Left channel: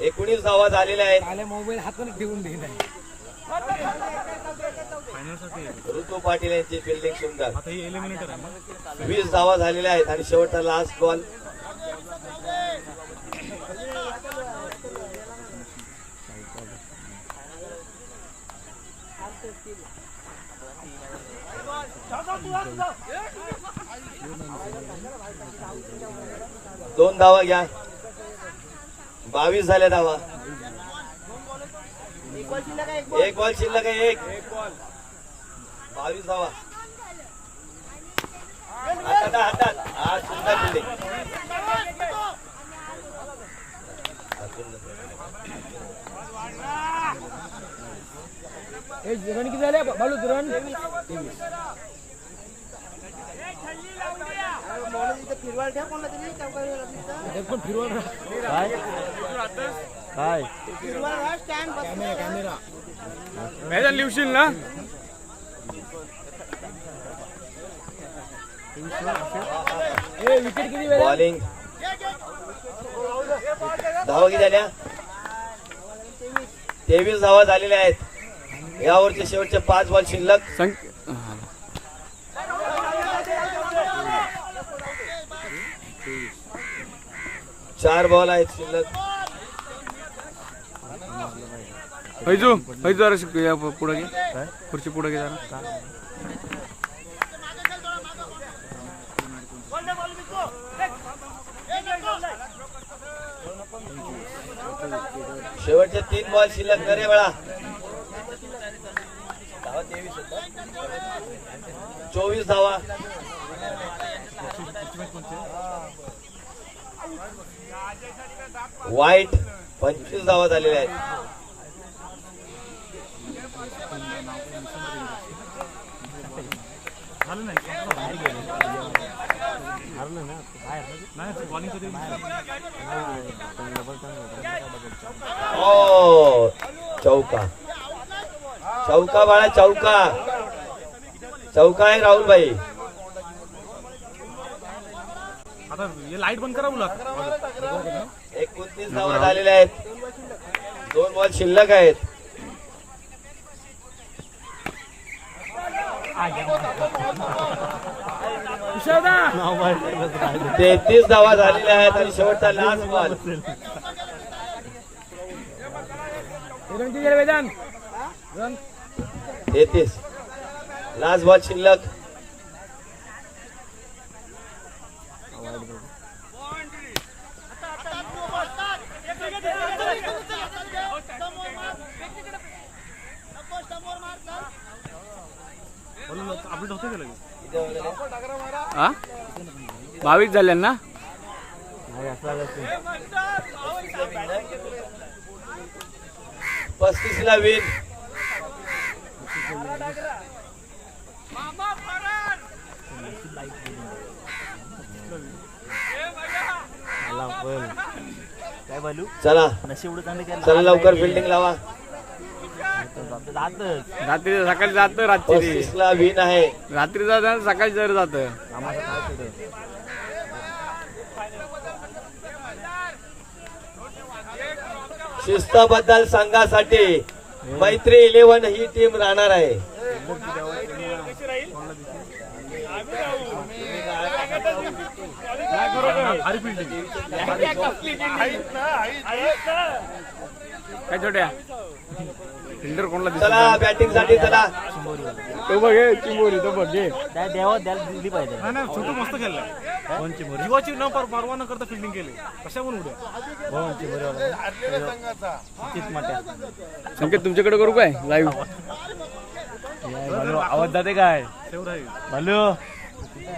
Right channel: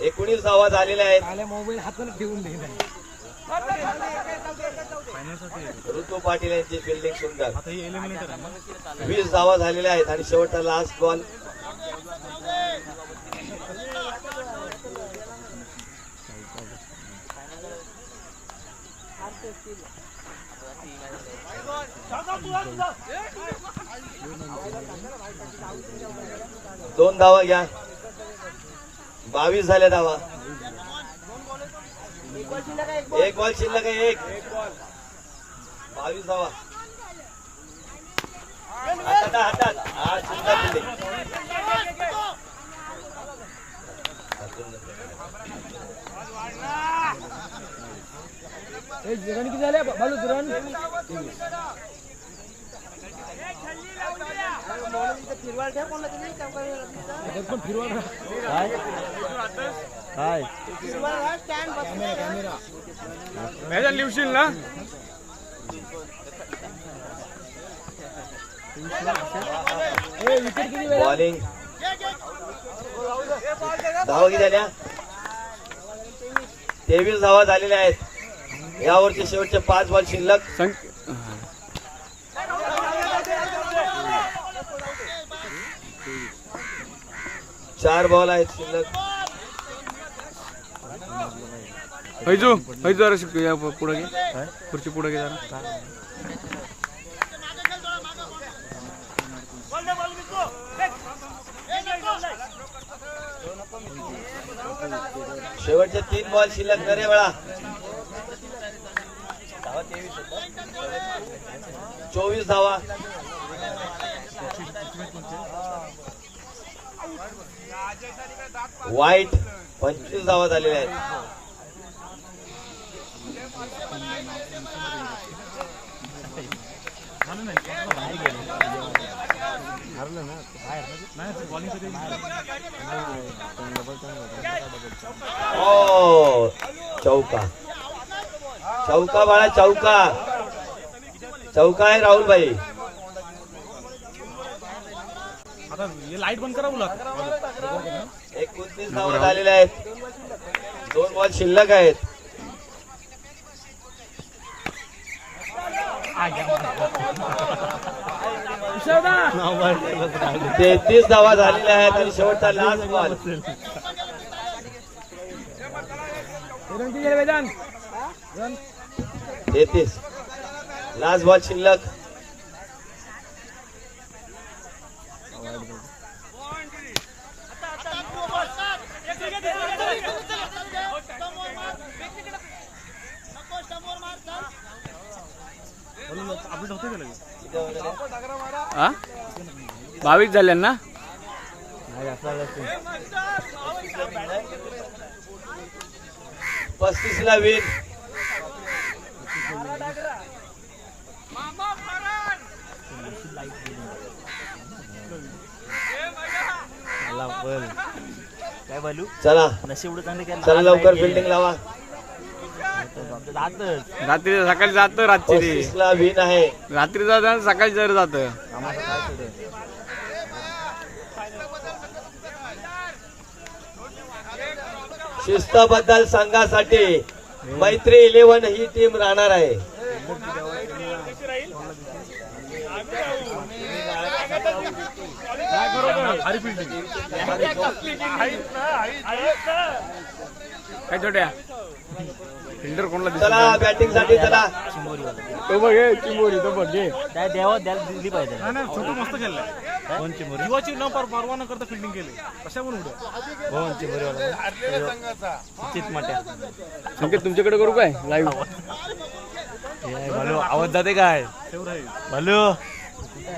19 धावा झालेल्या आहेत. मोबाईल हातून ठेवून दिला ऋतू पाटील यांची फिल्डिंग सुंदर. 20 धावा झालेल्या आहेत आणि शेवटचा लास्ट बॉल. दोन धावा घ्या. 22 झाल्या धावा. एक बॉल शिल्लक आहे. 22 धावा. हातात रन किती झाले बालू? रन कॅमेरा लिवशील ना. बॉलिंग धावा किती झाल्या? 23 धावा झालेल्या आहेत. यावरचे शेवटचे 5 बॉल शिल्लक. 4 बॉल आहेत शिल्लक. हैजू जरा पुढे घे. खुर्ची पुढे घे जरा. शेवटचे 3 बॉल शिल्लक. करे बाळा. 24 धावा. वाईट 25 धावा झालेल्या आहेत. चौका चौका बाळा. चौका आहे राहुल भाई. आता लाईट बंद करा बोला. 29 धावा झालेल्या आहेत. 2 बॉल शिल्लक आहेत. 33 धावा झालेल्या आहेत आणि शेवटचा लास्ट बॉल. 33 लास्ट बॉल शिल्लक. आ 22 झाले ना. 35 ला विन. काय बोलू. चला नशीब चांगलं केलं. चला लवकर फिल्डिंग लावा. रात्री सकाळी जात. रात्री 35 ला विन आहे. रात्री जात सकाळी जर जात. आम्हाला काय केलं. शिस्तबद्दल संघासाठी मैत्री 11 ही टीम राहणार आहे. काय छोट्या फिल्डर कोणला चला बॅटिंग साठी. चला तो बघ चिंबोरी. तो बघ घे. द्यावं द्यायला दिली पाहिजे. छोटू मस्त खेळलाय. जीवाची न परवा न करता फिल्डिंग केली. कशा म्हणून उद्या संकेत तुमच्याकडे करू काय लाईव्ह. आवाज जाते काय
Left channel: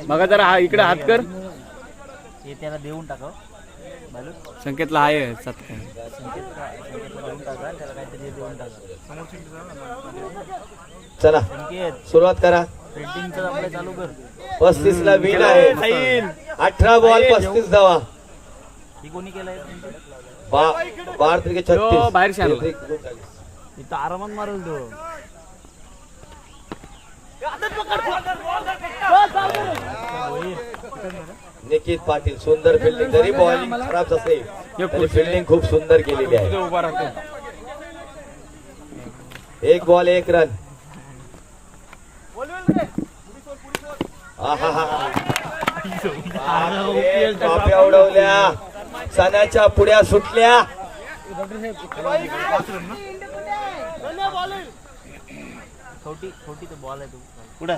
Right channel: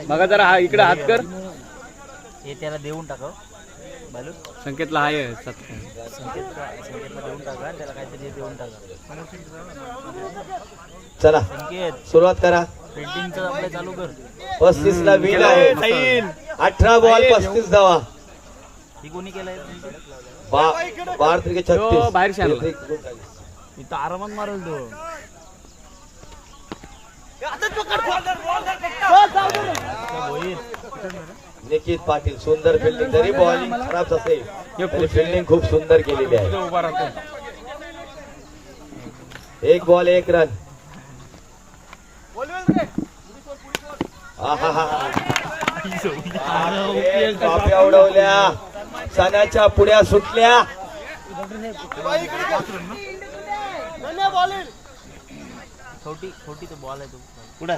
बघा जरा. हा इकडे हात कर. हे त्याला देऊन टाका. संकेतला आहे संकेतला देऊन टाका. त्याला काहीतरी देऊन टाका. चला संकेत सुरुवात करा. फिल्डिंगचं आपलं चालू कर. 35 ला विन आहे. 18 बॉल 35 धावा. ही कोणी केलंय. 12 त्रिके 36. बाहेर शाळा इथं आरामात मारल तो. निकित पाटील सुंदर फिल्डिंग, जरी बॉलिंग खराब असेल तरी फिल्डिंग खूप सुंदर केलेली आहे. उभा राहतो. एक बॉल एक रन. टोप्या उडवल्या, सणाच्या पुड्या सुटल्या. छोटी छोटी तो बॉल आहे तो पुढे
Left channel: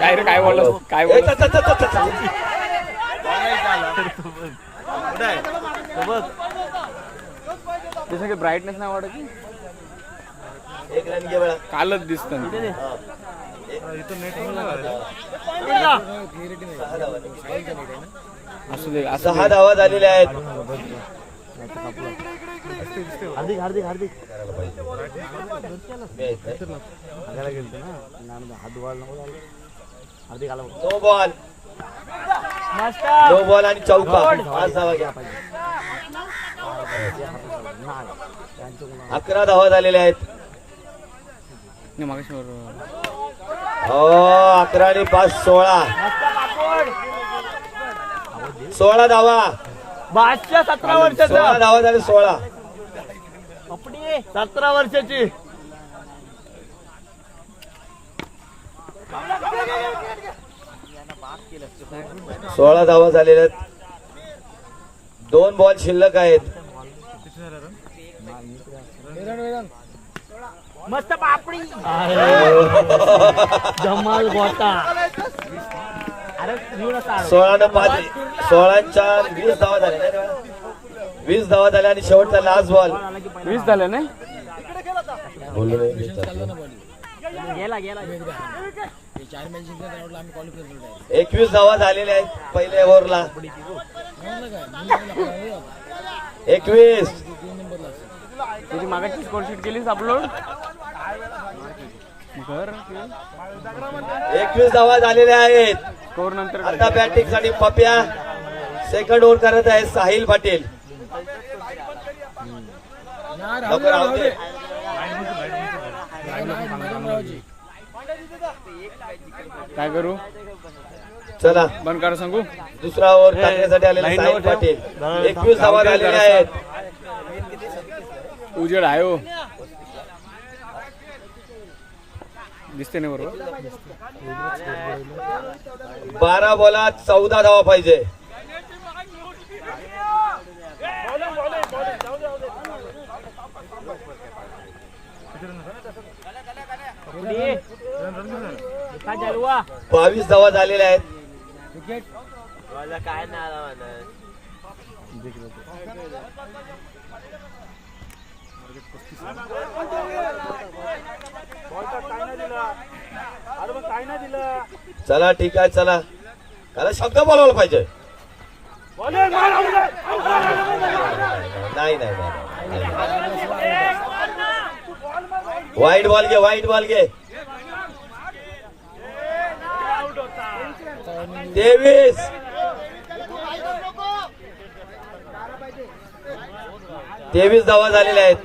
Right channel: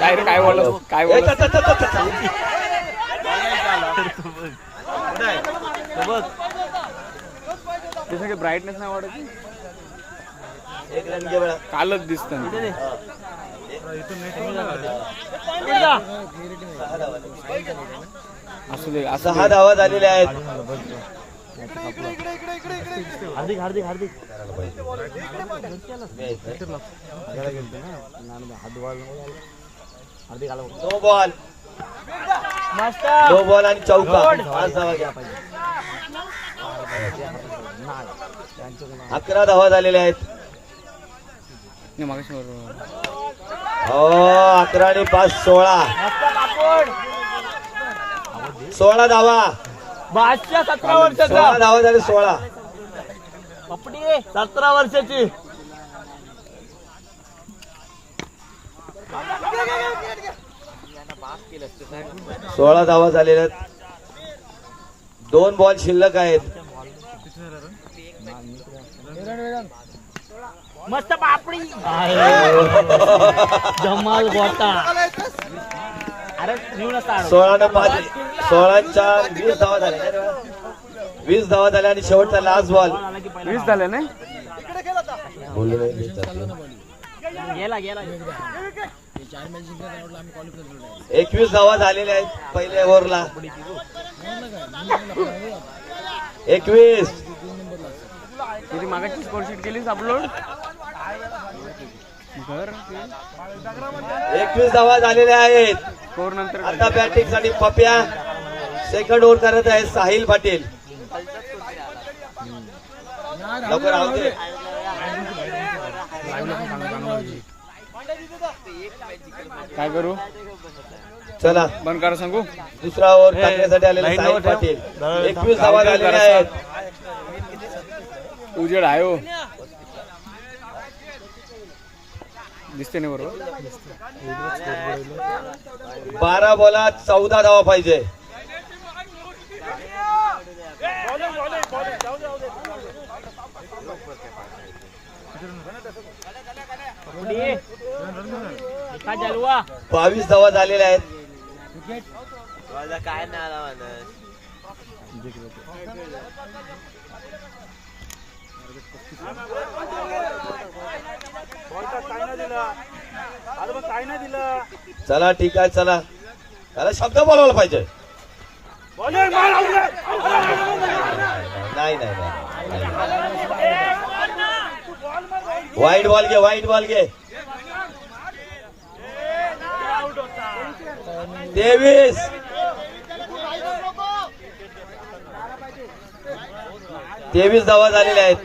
काय रे काय बोलला काय बोलला बघ ते सगळे ब्राईटनेस नाही वाटत एक रन घे बळा. कालच दिसत असू दे असं 6 धावा झालेल्या आहेत. हार्दिक हार्दिक हार्दिक आगायला गेलतो ना हात धुवायला नको झालं. हार्दिक आला नो बॉल, नो बॉल आणि चौका. 5 धावा घ्या. 11 धावा झालेल्या आहेत. मागाशी 11 आणि 5 16 धावा. 17 वर्षाचा 16 धावा झाले. 16 पपडी 17 वर्षाची 16 धावा झालेल्या आहेत. 2 बॉल शिल्लक आहेत. मस्त पापडी जमाल गोटा. अरे 16 आणि 5 16 20 धावा झाल्या. 20 धावा झाल्या आणि शेवटचा लास्ट बॉल. 20 झाले ना. गेला गेला 21 धावा झालेल्या आहेत पहिल्या ओव्हरला. 21 तुझी मागाची स्कोर शीट केलीस अपलोड घर 21 धावा झालेल्या आहेत. स्कोर नंतर आता बॅटिंग साठी पप्या सेकंड ओव्हर करत आहे साहिल पाटील. लवकर राहू दे. काय करू चला बंद करा सांगू. दुसरा ओव्हर करण्यासाठी आलेला साहिल पाटील. 21 धावा झालेल्या आहेत. उजेड आहे हो दिसते नाही बरोबर. 12 बॉलात 14 धावा पाहिजे. काय चालवा 22 धावा झालेल्या आहेत. काय नाही चला ठीक आहे. चला त्याला शब्द बोलवला पाहिजे. नाही नाही नाही. वाईट बॉल घे, वाईट बॉल घे. 23 धावा झालेल्या आहेत.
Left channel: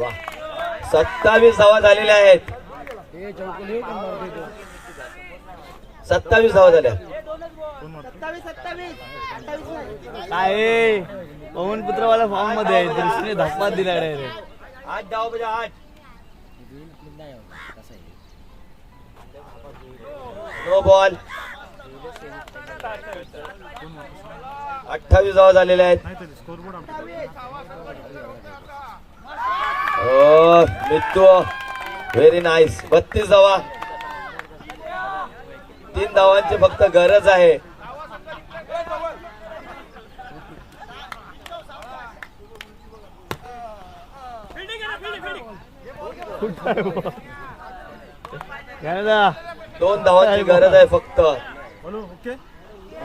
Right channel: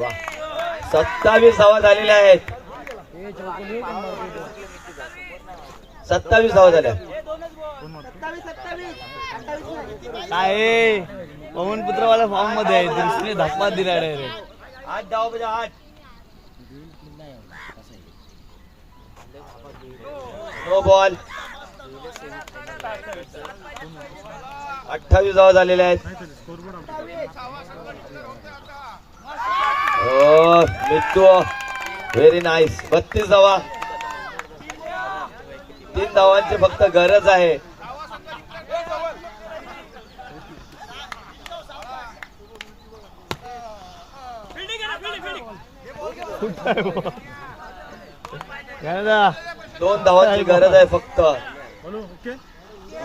वाह. 27 धावा झालेल्या आहेत. 27 धावा झाल्या. काय पवन पुत्रवाला फॉर्म मध्ये आहे दृष्टीने धप्पा दिला डायरेक्ट. 8 धावा म्हणजे 8. No ball. 28 धावा झालेल्या आहेत. Mittu very nice. 32 धावा. 3 धावांची फक्त गरज आहे. घ्या 2 धावांची गरज आहे फक्त.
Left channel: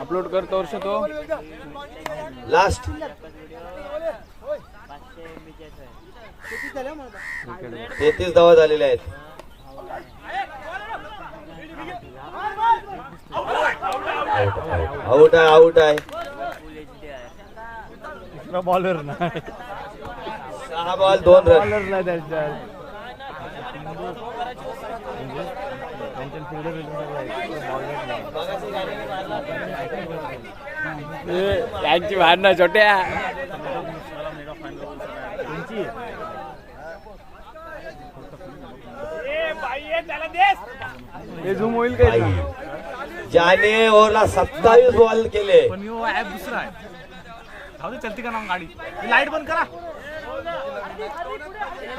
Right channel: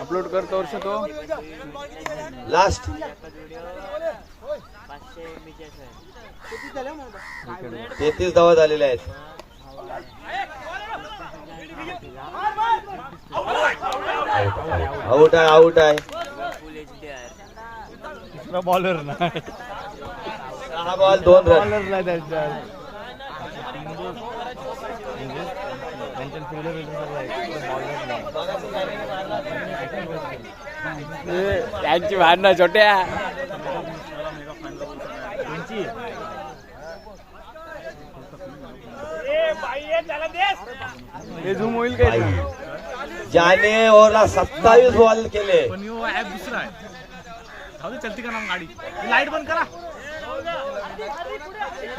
अपलोड करतो वर्ष तो लास्ट. 33 धावा झालेल्या आहेत. आउट आहे, आउट आहे. बॉलर नाही बॉल 2 रन. बॉलरला त्यांच्यात म्हणजे त्यांच्या फिल्डर यांची भांडणं छोट्या. हे झूम होईल काय ना ज्याने ओव्हरला 27 बॉल केले. पण यो ऍप दुसरा आहे. जाऊ दे, चलती का ना गाडी. लाईट बंद करा.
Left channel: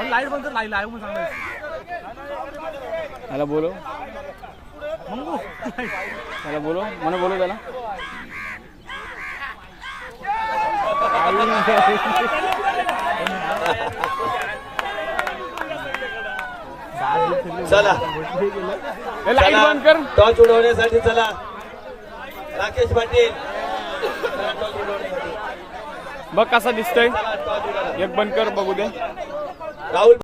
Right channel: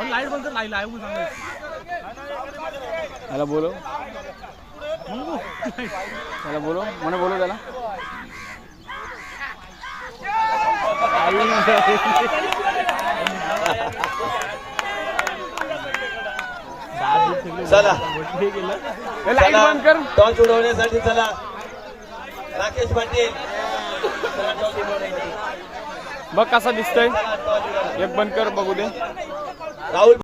लाईट बंद कर. लाईट लाईव्ह म्हणून सांगायचं. त्याला बोलो त्याला बोलो मला बोलो त्याला. चला लाईट बंद कर. टॉस उडवण्यासाठी चला राकेश पाटील. बघ कसा दिसतोय. एक बंद कर बघू दे. राहुल